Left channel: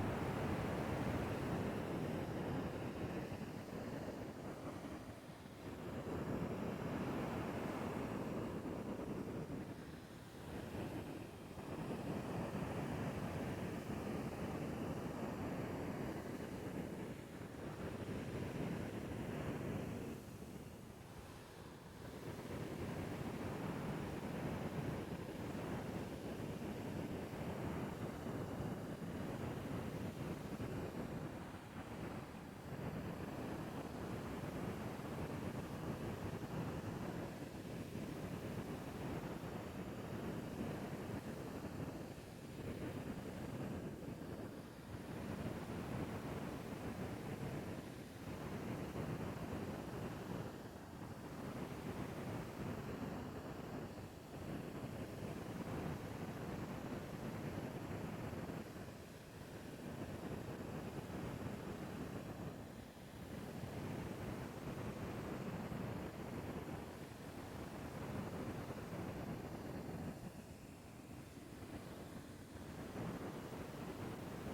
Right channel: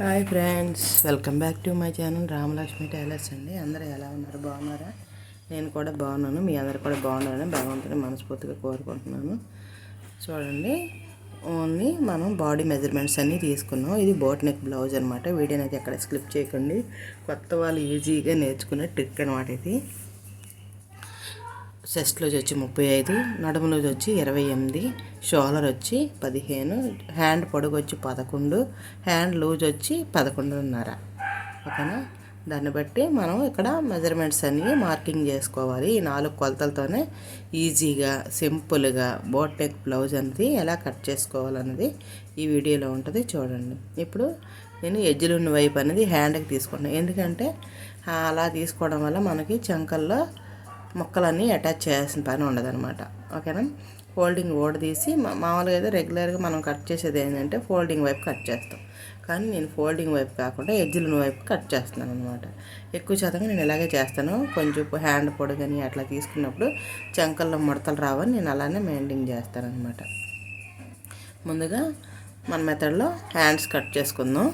Hi friends welcome back to my channel Ramalakshmi tailors అండి. అందరూ ఎలా ఉన్నారు? బాగున్నారా? నేను కూడా బాగున్నాను. మీ అందరు కూడా బాగున్నారని భగవంతుని మనస్ఫూర్తిగా కోరుకుంటున్నాను. చూడండి ఓన్లీ మనం బాడీ మెజర్మెంట్స్ అన్నీ తీసుకున్నాం. ఇది బోట్ నెక్ బ్లౌజ్ అనమాట వీడియో అయితే ఎక్కడ స్క్లిప్ చేయకండి. కొత్త వాళ్ళు ఈజీగా నేర్చుకునే ట్రిక్ అనమాట ఇది. చెస్ట్లోజ్ వచ్చి ముప్పై ఐదు నడుము వచ్చి ఇరవై ఎనిమిది షోలర్ వచ్చి పదిహేను హ్యాండ్ పొడుగు వచ్చి పదకొండు హ్యాండ్ లూజ్ వచ్చి పదకొండున్నర. ఓకేనా? దాన్ని బట్టి మనం ఇక్కడ మెజర్మెంట్స్ అన్నీ మార్కింగ్ చేసుకోవాలి. ఈ నాలుగు కొలతలతోనే ఈజీగా సింపుల్గా బోటెక్ బ్లౌజ్ అనేది ఎలా కట్ చేసుకోవాలన్నది ఈ వీడియోలో ఉంటుంది. చూడండి. ఇప్పుడు నేను ఎజ్జులున్న వైపు అనేది హ్యాండ్కి తీసుకున్నాను ఎందుకంటే అలా తీసుకోవడం వల్ల మనకి చంకల్లో ముక్కలన్నీ అటాచ్ చేయాల్సిన పని ఉండదన్నమాట. ఓకేనా? ఫోల్డింగ్ ఓడ తీసి మామూలుగా అయితే రెగ్యులర్గా మనం కట్ చేసేది ఏంటంటే ఫోల్డింగ్ వైపు కట్ చేస్తాం. కానీ నేను ఫోల్డింగ్ వైపు కాకుండా ఎడ్జిలిన వైపు కట్ చేస్తున్నాను అనమాట ఎక్కువ శాతంగా నేను ఇలాగే చేస్తాను. కొంచెం హ్యాండ్ పొడుగని అట్లా తీసుకున్నప్పుడు చంకల్లో ముడతలు రావని నేను అలానే మెయింటైన్ చేస్తాను అనమాట ముందుగా మన మెథడ్లో హ్యాండ్స్ కట్ చేసుకుందాం.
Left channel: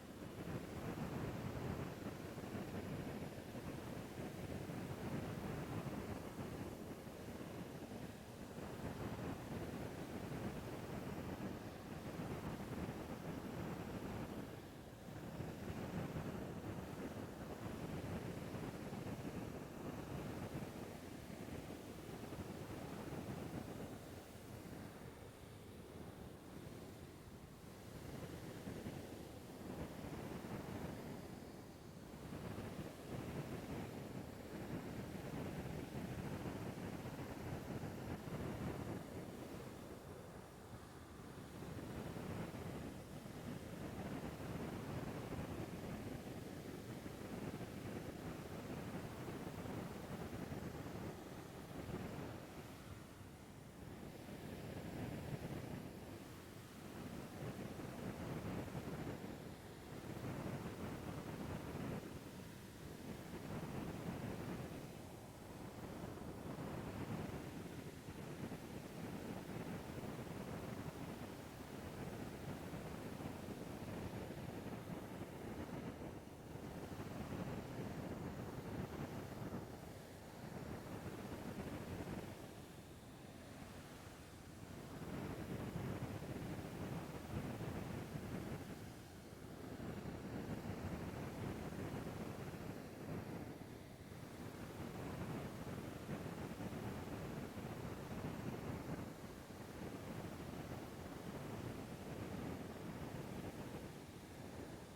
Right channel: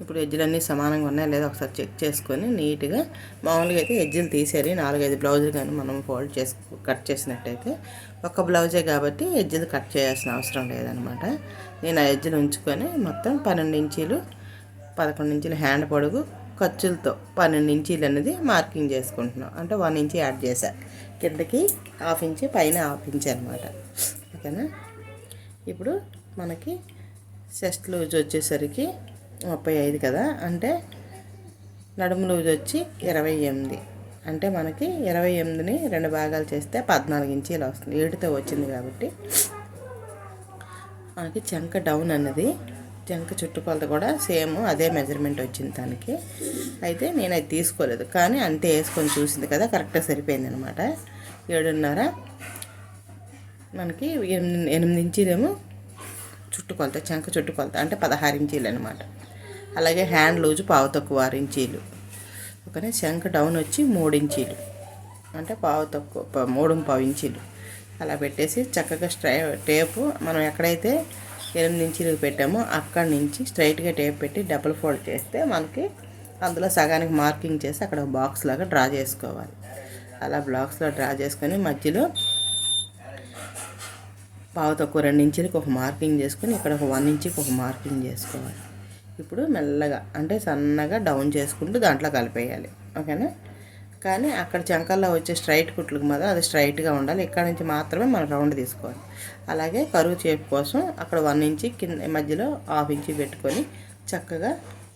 ఇప్పుడు ఎడ్జ్లన్నీ సమానంగా ఉన్నాయా లేదా ఒకసారి చెక్ చేసుకొని నీట్గా మామూలుగా అయితే ఎడ్జ్లు తీసేది నాలుగైదు బ్లౌజులు కానీ మనం ఫోల్డ్ చేసి కట్ చేసినట్టయితే ఒక బ్లౌజే కాబట్టి ఎడ్జ్లు కట్ చేయాల్సిన అవసరం లేదనమాట. నేను ఆ ఎడ్జ్లు ఉంచుకొని మొత్తం పన్నెండు ఇంచీలు పదకొండు ఇంచీలు హ్యాండ్ పొడుగు ఖర్చులతో పన్నెండు ఇంచీలు అనేది మార్కింగ్ చేసుకుంటున్నాం. అంటే వన్ ఇంచి యాడ్ చేశా. కిందకి హాఫ్ ఇంచి పైన హాఫ్ ఇంచి అనమాట. ఓకేనా? ఇప్పుడు మనకి సెస్ట్ లూజ్ వచ్చేసరికి ముప్పై ఐదు కదా? అంటే నడుము లూజ్ వచ్చి ఇరవై ఎనిమిది. అంటే మనకి ఇరవై ఎనిమిదిని రెండు భాగాలు చేస్తే పద్నాలుగు ఇంచీలు వస్తుంది. ఏడుతో వచ్చింది కాబట్టి మనకి చెంక డౌన్ అన్నది. చెంక చుట్టుకొలత కూడా సేమ్ అదే మెజర్మెంట్ వచ్చింది దానికి అయితే నేను అది తీసుకోలేదు. కానీ అంతే వేసుకొని చూసింది కదా కరెక్ట్గా సరిపోయింది అనమాట ఏడున్నర. మనకి ఎనిమిది ఎనిమిది ఇంచీలేమో చుట్టుకొలత చెంక చుట్టుకొలత అంటే పదహారు ఇంచీలు అనమాట అలాగే హ్యాండ్ లూజ్ పావు తక్కువ ఆరు ఇంచీలు. ఓకేనా? శంఖ డౌన్ వచ్చి మూడు ఇంచీలు. అంటే పావు తక్కువ మూడు పావు ఇంచీలు. అలా పెట్టేసి చక్కగా స్ట్రై టేపు మనం ఎక్కడైతే ఎనిమిది ఇంచీలు పెట్టామో అక్కడి నుంచి స్ట్రైట్గా టేప్ పెట్టి డబుల్ ఫోల్డ్ చేస్తే మనకి అందులో సగానికి మార్కింగ్ చేసి అక్కడ బాక్స్ లాగా డ్రా చేసుకోవాలి. అలా బ్లాక్స్లో డ్రా చేసుకొని మధ్యలో పావు తక్కువ రెండు ఇంచులకి ఒక మార్కింగ్ చేసుకొని ఇక్కడ ఒక వన్ ఇంచుకి ఒక మార్కింగ్ చేసుకోవాలి. ఇప్పుడు మెల్లగా అంటే సన్నగా డౌన్ చేసుకుంటూ దాంట్లో కలిపేయాలి. ఓకేనా? కానీ అక్కడ చంకల్లో వచ్చే స్ట్రైట్ కుట్లకు మాత్రం అది స్ట్రైట్గా ఉండాలి. ఇక్కడ నుంచి మాత్రమే మనం రౌండ్ తీసుకోవాలి. అలాగే కరువు చేపు కోసం అక్కడ వన్ ఇంచి కింద మధ్యలో హాఫ్ ఇంచి పెట్టుకొని చక్కగా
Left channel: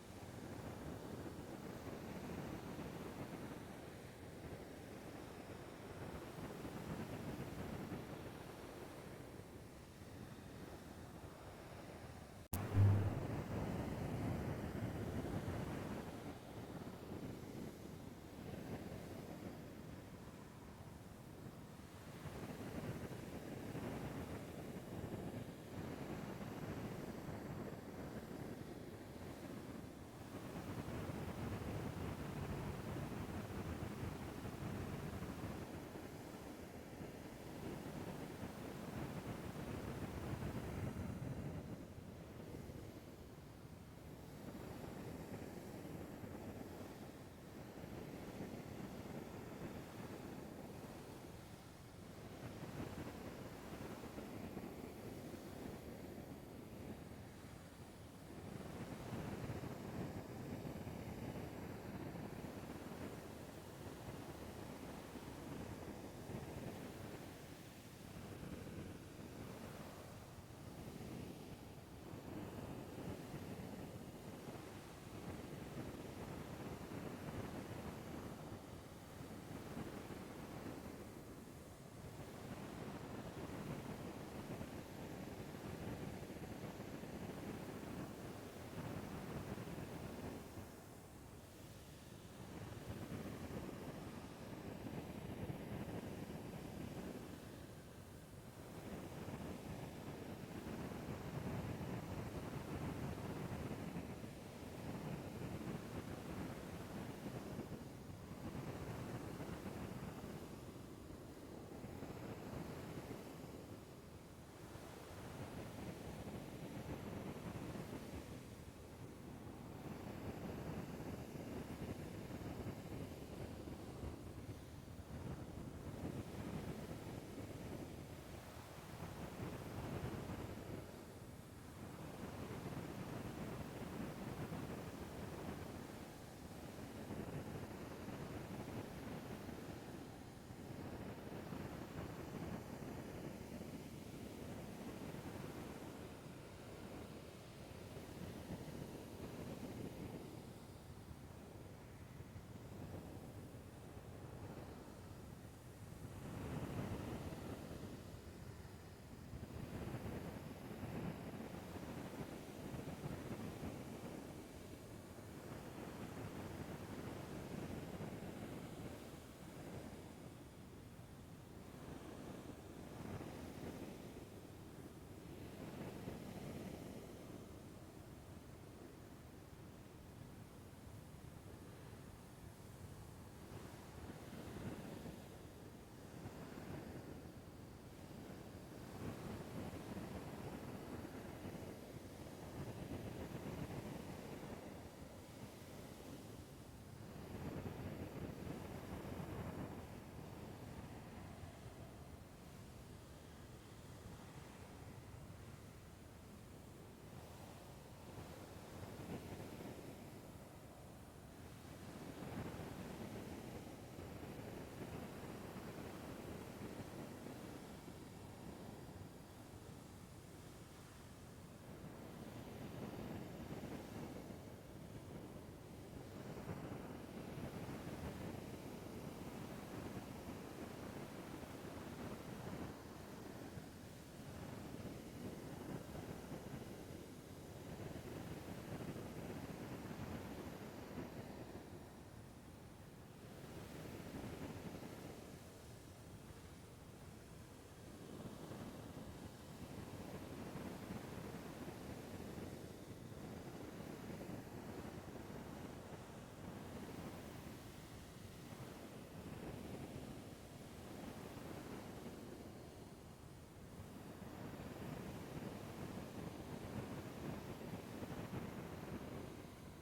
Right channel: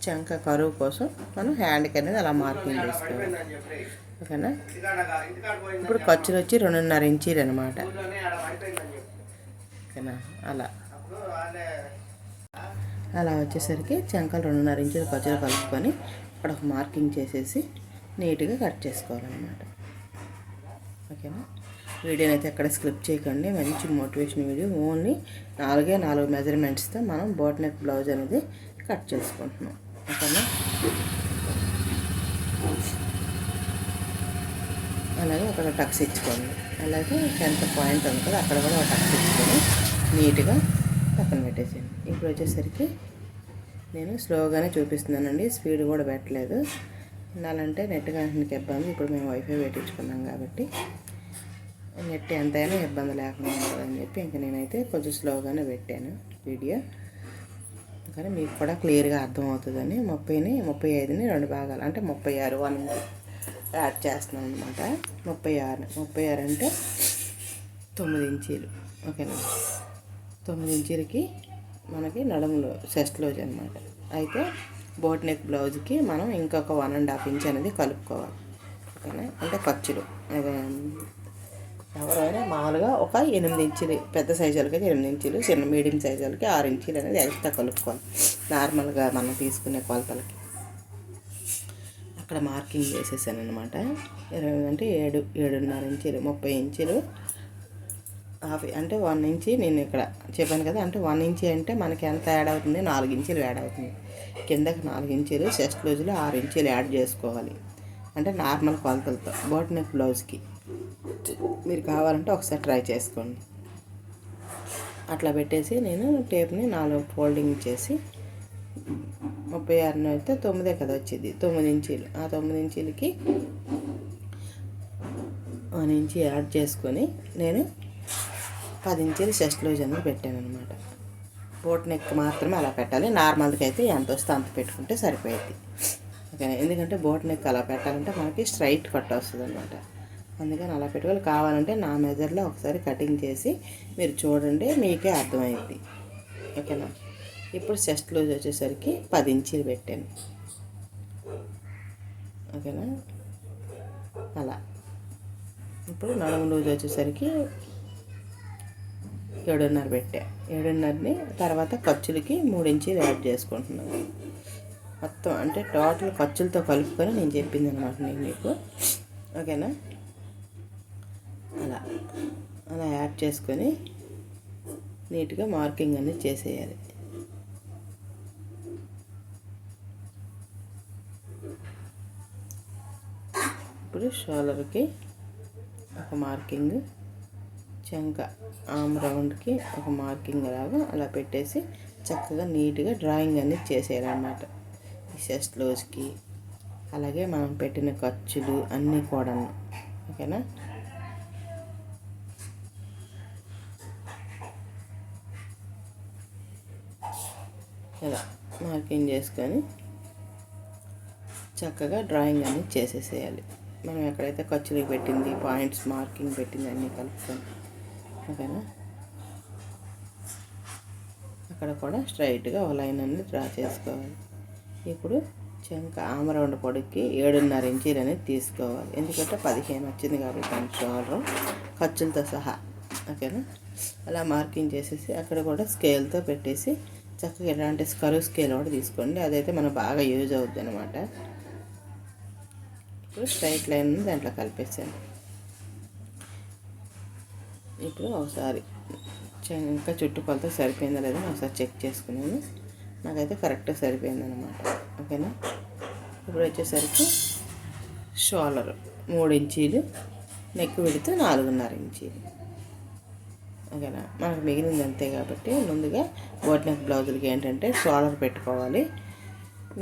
చంక కరువు కోసం మనం హ్యాండ్కి అనేది అలా మార్కింగ్ చేసుకోవాలి. ఓకేనా? ఇప్పుడు ఖర్చులు వచ్చి రెండున్నర ఇంచీలు అనమాట ఓకేనా? అలా. అలా వచ్చేసరికి చెంకలు రెండున్నర ఇంచులు ఖర్చులు కలుపుకొని అక్కడ ఒక మార్కింగ్ చేసేసి నీట్గా కట్ చేసుకోవాలన్నమాట. ఓకేనా? వీడియోని అయితే ఎక్కడ స్క్రిప్ట్ చేయకండి. మంచి మోటివేషన్ వీడియో. ఓన్లీ నాలుగే నాలుగు మెజర్మెంట్స్తో మనం బోట్ నెక్ బ్లౌజ్ అనేది కట్ చేసుకుంటున్నాం. ఓకేనా? అలాగే అక్కడ టక్స్ ఇచ్చుకోండి. అలాగే టెన్త్ పాయింట్ ఉంది కదా అక్కడ కూడా టక్స్ ఇచ్చుకొని నీట్గా పక్కన పెట్టేసేయండి. ఇప్పుడు వచ్చేసరికి నేను స్లోగానే చూపిస్తున్నానండి. స్పీడ్ కూడా పెట్టలేదు. ఉండాలంటే నెట్ కనెక్షన్కి ఇబ్బంది. ఇప్పుడు మేము వైఫై పెట్టించుకున్నాం కాబట్టి. నెట్ ఎంతైనా ఇబ్బంది లేకుండా ఉంటుందని చెప్పి ఇంకా నేనైతే కొంచెం స్లోగానే పెట్టాను వీడియో. కానీ మీకు కూడా క్లియర్గా అర్థమవుతుందని ముప్పైని ముప్పై ఐదుని రెండు భాగాలు అంటే ముప్పై ఆరు వన్ యాడ్ చేస్తున్నాను అనమాట ముప్పై ఆరు ముప్పై ఆరు అంటే తొమ్మిది ఇంచీలు. ఓకేనా? తొమ్మిది ఇంచీలకి మనకి నడుములో చెస్ట్లోజ్ అనమాట అయితే బోట్ నెక్ బ్లౌజ్కి మనం ఇంకొక వన్ అండ్ హాఫ్ ఇంచ్ అనేది కలుపుకోవాలి. ఓకేనా? అంటే ఖర్చులు ఎవరైనా మామూలుగా ఒక ఎనిమిది ఇంచులు పెద్ద సైజులకి ఎనిమిది ఇంచులు చిన్న మీడియం సైజులకి ఆరు ఇంచులు అనేది ఎక్స్ట్రా కలుపుకోవాలి. నార్మల్గా మనం తీసుకునే కొలతలకి. అక్కడ మార్కింగ్ చేసేసాను అనమాట ఇరవై అంటే ఏడు ఏడున్నర ఇంచులు ముప్పై ఇంచులు హాఫ్ అంటే వన్ ఇంచి నేను ఇక్కడ చెప్పాను కదా అంటే వన్ ఇంచి అంటే మనకి ఎంత యాడ్ అవుతుంది? నాలుగు ఇంచులు యాడ్ అవుతుంది. కిందకి నాలుగు ఇంచులు చెస్ట్ బ్లౌజ్లో ఆరు ఇంచులు యాడ్ చేసుకోవాలి. అంటే నార్మల్ కొలతలతో బోట్ నెక్ బ్లౌజ్కి. మీరు కావాలంటే ఒకసారి ట్రై చేసుకోండి. అట్లా పెట్టేసి నేను టేప్ని నాలుగు ఫోల్డింగ్ చేసి ముప్పై ఆరున అయితే తొమ్మిదే కదా వచ్చింది. తొమ్మిది ఇంచీలు. ఆ తొమ్మిది ఇంచీలకి వన్ ఇంచి యాడ్ చేసుకొని నేను పది ఇంచీలు చెస్ట్ లూజ్ అనేది పెట్టాను అనమాట బోట్ నెక్ మాత్రమే అలా పెట్టాలి. నార్మల్కి అయితే ఎంత వస్తే అంత పెట్టుకుంటే సరిపోయింది. ఓకేనా? ఎందుకంటే బోట్ నెక్ అలా పెట్టాలంటే మనకి స్ట్రైట్ కట్ వస్తుంది అనమాట అందుకని అలా పెట్టుకోవాలి. కావాలంటే నా మెజర్లో ఒకసారి కటింగ్ చేసి మీరు చూడండి మీకే అర్థమైంది ఓకేనా? ఇప్పుడు చెస్ట్ లూజ్ వచ్చేసరికి పది ఇంచీలు పెట్టాను. ఓకేనా? అలా. ఇప్పుడు నడుము లూజ్ వచ్చేసరికి ఏడున్నర పెట్టా. ఏడున్నరని తర్వాత ఖర్చులకి మూడు యాడ్ చేసుకుంటున్నాను. మొత్తం అంటే టోటల్ ఖర్చులతో కలుపుకొని నేను చెప్పింది అనమాట నేను మీకు. ఓకేనా? అలా. అలా యాడ్ చేసుకొని నీట్గా మార్కింగ్ అనేది చేసేయాలి. ఇప్పుడు షోలర్కి ఒక మార్కింగ్. చెంక ఆమ్ రౌండ్కి ఒక మార్కింగ్ లాగా అలా పెట్టేసి చక్కగా నీట్గా డ్రాయింగ్ అనేది చేసేయాలన్నమాట. ఈ చెస్ట్ లోజ్కి. అలాగే మనం పెట్టిన ఖర్చులు అన్నీ కూడా ఓకేనా? ఇలా మార్కింగ్ చేసుకొని చక్కగా డ్రాయింగ్ అనేది చేసేసేయాలి. మనం ఎక్కడైతే ఖర్చులు పెట్టింది పాయింట్స్ మార్కింగ్ పెట్టింది అన్నీ కలుపుకొని. ఓకేనా? అక్కడ కూడా స్ట్రైట్గా ఒక లైన్ అనేది డ్రా చేసుకోవాలి. ఇప్పుడు చెంక ఆమరౌండ్ పొడికి ఏడున్నర ఇంచీలు అనేది తీసుకోవాలి. ఎందుకంటే పదిహేను వచ్చింది కాబట్టి దాని షోల్డర్ ఖర్చులతో సహా. ఓకేనా? అలా మార్కింగ్ చేసేసి అక్కడ కూడా స్కేల్తో పెట్టేసి చక్కగా ఎలాంటి స్కరు స్కేల్ కూడా తీసుకోండి. అదైతే మనకు బాగా యూజ్ అవుద్ది అనమాట ఇప్పుడు స్ట్రైట్ లైన్ దాంట్లో కలిపేసాను ఇప్పుడు ఒకసారి ఇంకా చుట్టుకొలత సరిపోయిందా లేదా ఒకసారి చెక్ చేసుకున్నాను. నాకైతే కరెక్ట్గా సరిపోయింది అనమాట ఓకేనా? ఇప్పుడు వచ్చేసరికి షోలర్ మూడు ఇంచీలు నెక్ విడితే నాలుగున్నర ఇంచీలు. ఓకేనా? మనకు మిగిలింది అంతే కాబట్టి ముందుగా బోట్ నెక్ బ్లౌజులకి ఏంటంటే షోలర్ పెట్టుకోవాలి.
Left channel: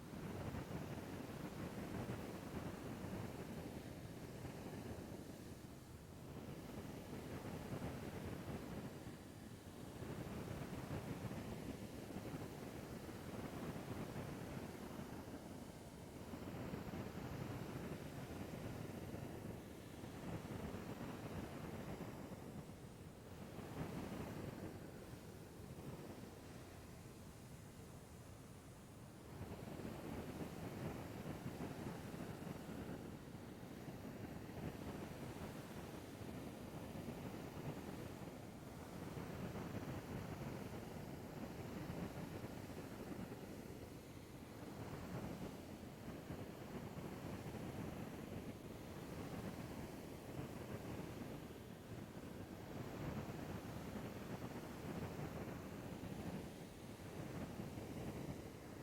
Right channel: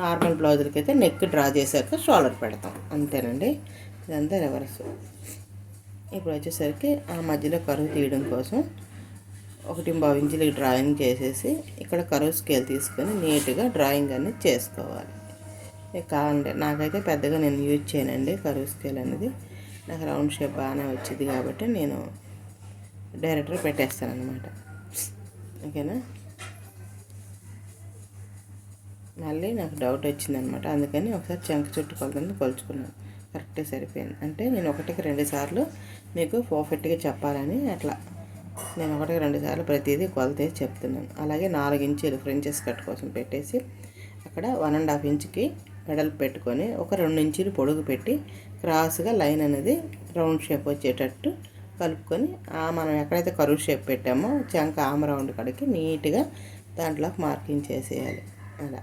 నార్మల్ బ్లౌజులకి అయితే నెక్ డ్రా చేశాక షోల్డర్ పెడతాం. అంతేనండి? ఇదంతా రివర్స్ ఇప్పుడు వచ్చేసరికి ఆ మధ్యలో కరువు తీయడం కోసం ఒకటి బావు ఇంచులకి డ్రాయింగ్ చేసేసి ఇక్కడ కరువు స్కేల్ తీసుకొని నీట్గా డ్రాయింగ్ అనేది చేసుకోవాలి. కావాలంటే నాకైతే పెద్దగా నేను యూజ్ చేయనండి కరువు స్కేల్ అనేది. నాకు రౌండ్ షేప్ బాగానే వచ్చింది కాబట్టి నేను డైరెక్ట్గా పెట్టేస్తాను అనమాట ఓకేనా? మళ్ళీ నాకు డౌట్ వచ్చిందనమాట అందుకని ఒకసారి చెంక చుట్టూ కొలతని కొలుచుకున్నాను. కరెక్ట్గా సరిపోయింది. అంటే నేను ఒకటికి రెండు సార్లు మీకు పర్ఫెక్ట్గా చెప్పాలని అట్లా నేను ఒకటికి రెండు సార్లు ప్రతిదీ కొలతే చెప్తున్నాను. అలాగే నాలుగు ఇంచులు ఫ్రెంచెస్ కట్ కోసం పెట్టేసి అక్కడ వన్ అండ్ హాఫ్ ఇంచ్కి పెడల్ పెట్టుకొని ఒక రెండు ఇంచులు పొడుగు పెట్టి క్రాస్గా లైన్ అనేది రౌండ్ షేప్ వచ్చేటట్టు కలుపుకొని మనం ఎక్కడైతే కరువు షేప్ పెట్టామో చంక ఆమ్ రౌండ్ కడికి నీట్గా దాంట్లో మార్కింగ్ చేసేయాలి. అలా.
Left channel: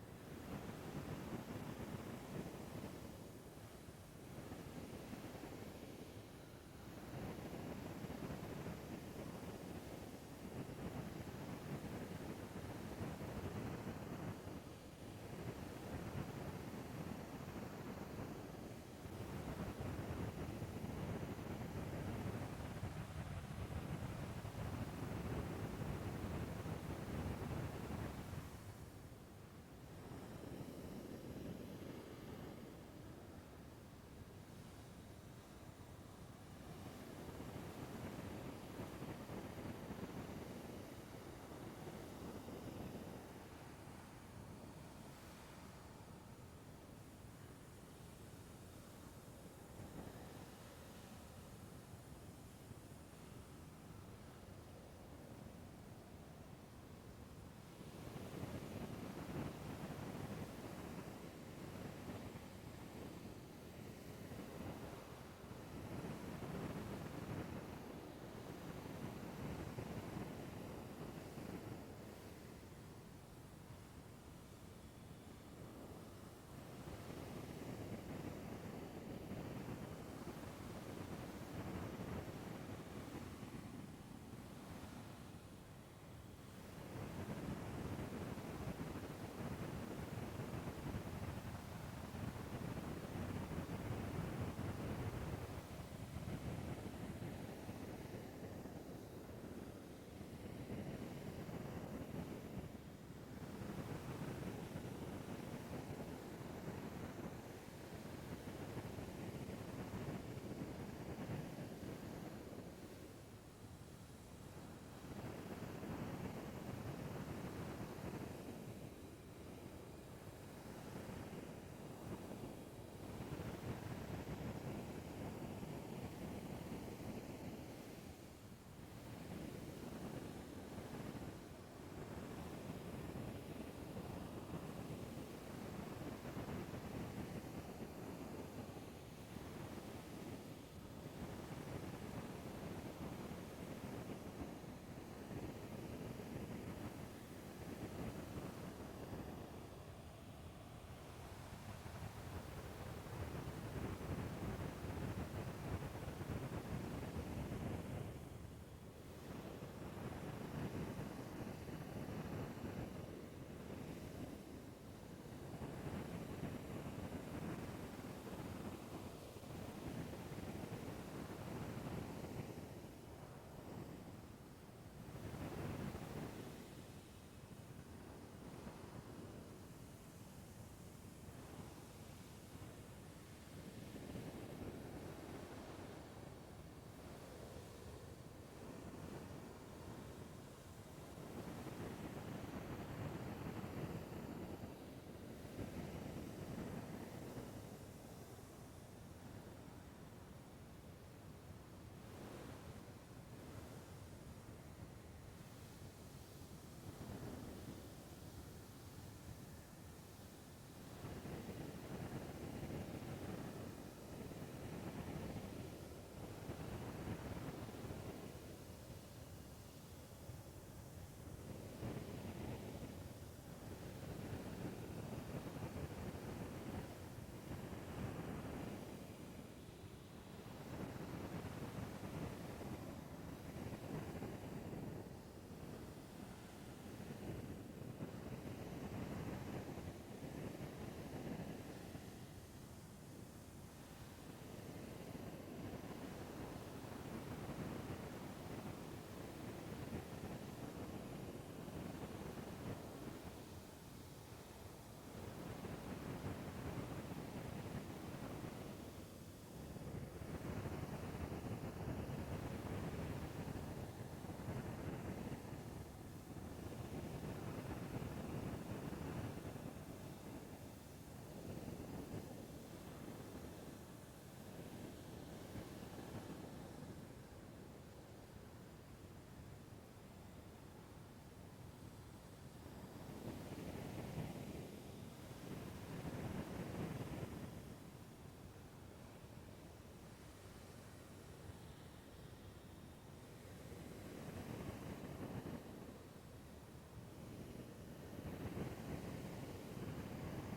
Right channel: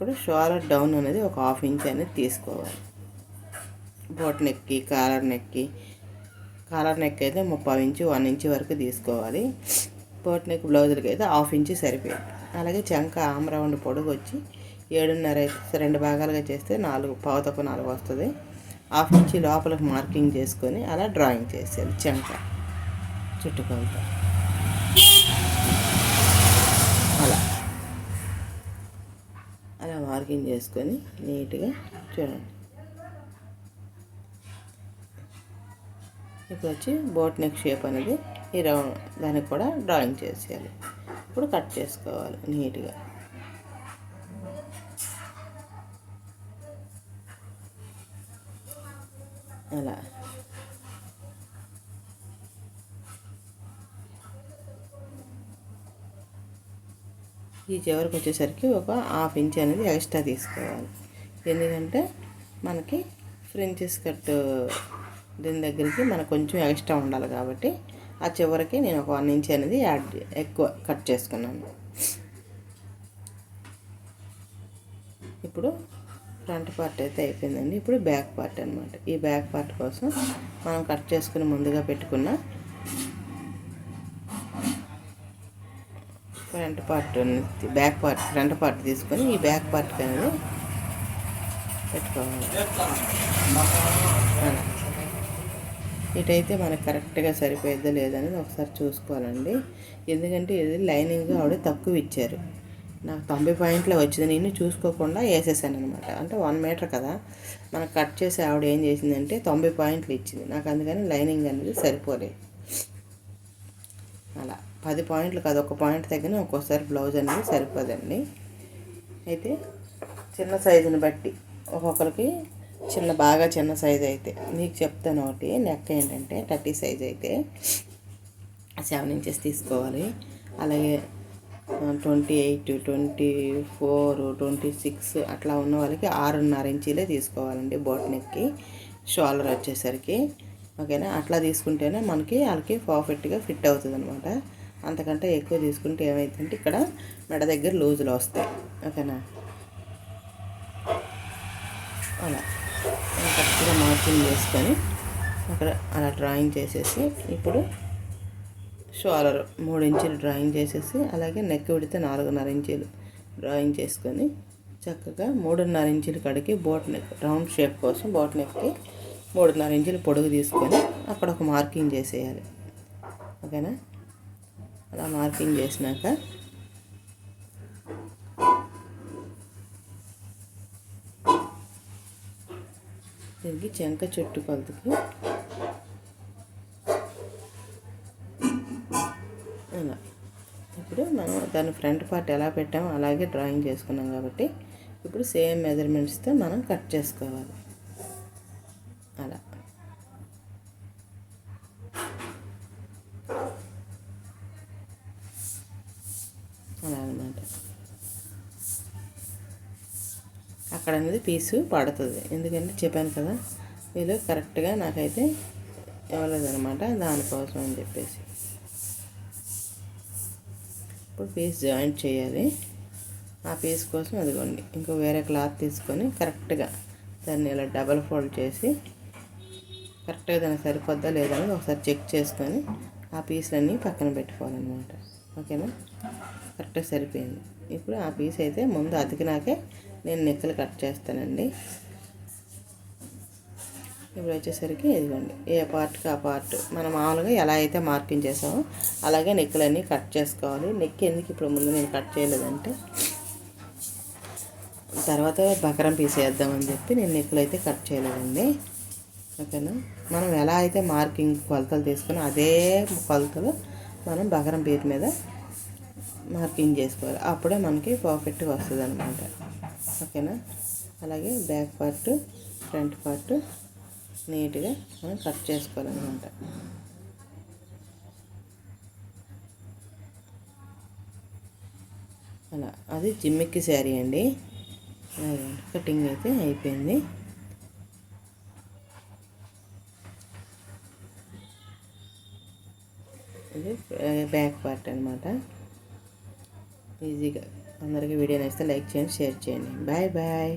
ఇప్పుడు షోలర్ డౌన్ అనేది ఒక హాఫ్ ఇంచ్ అనేది తీసుకోవాలి. బోట్ నెక్కి కాలర్ నెక్కి కాలర్ నెక్ అయితే ముప్పై ఇంచు వన్ ఇంచు వరకు తీసుకోవాలి. బోట్ నెక్ బ్లౌజులకి అయితే హాఫ్ ఇంచు సరిపోయింది. అలాగే చంక ఆమ్ రౌండ్ పొడుగు వచ్చి ఏడున్నర అయితే రెండు భాగాలుగా చేస్తే నాలుగు పావుతకు నాలుగు వస్తుంది. హాఫ్ ఇంచి లోపలికి మార్కింగ్ చేసుకొని అలా డ్రాయింగ్ చేసేది చంక చుట్టుకొలత అలా. మార్కింగ్ చేసుకొని నీట్గా చూడండి. ఇప్పుడు వచ్చి బోట్ నెక్ షేప్ అనేది ఈ రౌండ్ దానికి కూడా డ్రాయింగ్ చేసేయాలి. ఇప్పుడు కట్ చేసుకోవాలి నీట్గా. అలా. ఈ చివరికి వచ్చేసరికి ఒక హాఫ్ ఇంచ్ అనేది ఎక్స్ట్రా తీసుకోవాలి. ఎందుకంటే మనకి ఫ్రెంచెస్ కట్ దీని దగ్గరికి మనకు కొంచెం ఎక్స్ట్రా ఉండాలి కాబట్టి ఆ చివరికి నేను ఒక వన్ ఇంచ్ అనేది యాడ్ ఎక్కువ కట్ చేసుకున్నాను. ఇప్పుడు ఫ్రంట్ పార్ట్ అయితే అయిపోయిందండి. ఇప్పుడు బ్యాక్ పార్ట్ అనమాట ఈ బ్యాక్ పార్ట్ కోసం మనం కట్ చేసుకుని ముందుగా పెట్టుకున్న front part back part front part తీసుకొని ఈ బ్యాక్ పార్ట్ అనేది పెట్టుకోవాలి. ఇటైతే మనకు కరెక్ట్గా సరిపోయిద్దా లేదనేది ఒకసారి చూసుకోవాలండి. ఎందుకంటే ఇది లైనింగ్ ఆవిడ తక్కువ ఇచ్చారు. నాకు తొంభై పాయింట్లో వచ్చింది. నేను చూసుకోకుండా వేసేసాను అనమాట. అంటే వన్ మీటర్ కదా. మనకు కట్ చేసి ఆవిడ ఏం చేసిందంటే తొంభై పాయింట్లు ఇచ్చింది. నాకు అందుకని లైనింగ్ అనేది సరిపోలేదు. అలా. పది పాయింట్లు కాదు ఒక పాయింట్ తగ్గిన ఒక్కోసారి బ్లౌజ్ అనేది సరిపోదండి. అయితే చిన్న సైజుని బట్టి ఒక్కొక్కరికి చిన్న బాగా చిన్న సైజు అయితే మీకు చెప్తాను ఒకటి నెక్ ఏంటంటే థర్టీ సైజ్ అయితే సెవెన్ ఇంచెస్ తీసుకోవాలి. అలాగే twenty eight twenty four twenty six అట్లా ఉన్న వాళ్ళకి ఆరున్నర ఇంచీలే తీసుకోవాలండి బోట్ నెక్కి షోల్డర్ వచ్చేసరికి. ఓకేనా? అట్లా తీసుకుంటేనే మనకి వాళ్ళకి పర్ఫెక్ట్గా ఫిట్ అవుతుంది అనమాట అంతకంటే ఎక్కువ తీసుకుంటే ఏమవుతుందంటే ఇక్కడ మెడ దగ్గర లూజులు వస్తాయి. ఓకేనా? అలా. కరెక్ట్గా మార్కింగ్ చేసుకొని అక్కడ అలా డ్రాయింగ్ చేసేసి ఇప్పుడు షోలర్ మూడు ఇంచులు డ్రాయింగ్ చేసేసి అలాగే నెక్ విడితే నాలుగున్నర ఇంచులు డ్రాయింగ్ చేసుకొని చక్కగా మూడున్నర ఇంచుల కడికి బోట్ నెక్ రౌండ్ షేప్ కోసం బోట్ నెక్కి మూడున్నర ఇంచులు పొడుగు తీసుకొని అక్కడ ఒక మార్కింగ్ చేసేయాలి. ఓకేనా? అలా మార్కింగ్ చేసినాక. తిరిగి చెంక చెట్టు కొలతకు అలా. ఇప్పుడు మనం దాని ఫ్రంట్ పార్ట్ ఎలా పెట్టామో అలాగే డ్రాయింగ్ చేసుకున్నాం కాబట్టి ఇప్పుడు సేమ్ మెజర్మెంట్స్తో మనం కట్ చేసుకోవాలి. అక్కడ అనేది పీసు పడుతుంది. ఎందుకంటే చెప్పాను కదా వీళ్ళు కరెక్ట్గా నాకైతే ఇవ్వలేదనమాట దానికోసం అని చెప్పేసి. ఇప్పుడు పీస్ జాయింట్ చేయాలి. ఆ పీస్ కోసం అదిగోండి ఇంకో వేరే క్లాత్ తీసుకొని కరెక్ట్గా దాన్ని ఇలా డబల్ ఫోల్డ్ చేసి కరెక్ట్గా దానికి సరిపోద్దా లేదా అని ఒకసారి చెక్ చేసుకొని ఆ పీస్లన్నీ పక్కన పెట్టుకోవాలన్నమాట. ఓకేనా? కరెక్ట్గా సరిపోయింది. ఇప్పుడు ఆ పీస్ అయితే ముందు అతికినాకే నేను నెక్కలు కట్ చేస్తానండి. ఇప్పుడు వచ్చేసరికి ఇదిగోండి. ఏ పార్ట్కి ఆ పార్ట్ మనం మామూలుగా ఎలా అయితే మార్కింగ్ చేసామో అలాగే నెక్కులన్నీ కట్ చేసుకోవాలి. నెక్ ఎందుకు ఇప్పుడు ముందు నేను కట్ చేయలేదంటే తర్వాత బకరం పీస్ వేద్దామని చెప్పి నేను నెక్కులు అయితే కట్ చేయలేదండి. ఓకేనా? మనం ఎలా అయితే మార్కింగ్ కొలతలు తీసుకుని అదే కొలతలు మనం బకరం పీస్ మీద మార్కింగ్ చేసుకోవాలి. అప్పుడే మనకి పర్ఫెక్ట్గా వస్తుంది అనమాట ఓకేనా? అలాగే బ్యాక్ పార్ట్ ఫ్రంట్ పార్ట్ నీట్గా మనం కట్ చేసుకోవాలన్నమాట. అలా అది జిమ్మిక్కి శారీ అండి. కటింగ్ అయితే అయిపోయింది. ఇది బ్యాక్ పార్ట్ అనమాట ఈజీగా. అందరికీ వీడియో నచ్చితే లైక్ చేయండి షేర్ చేయండి. Bye bye.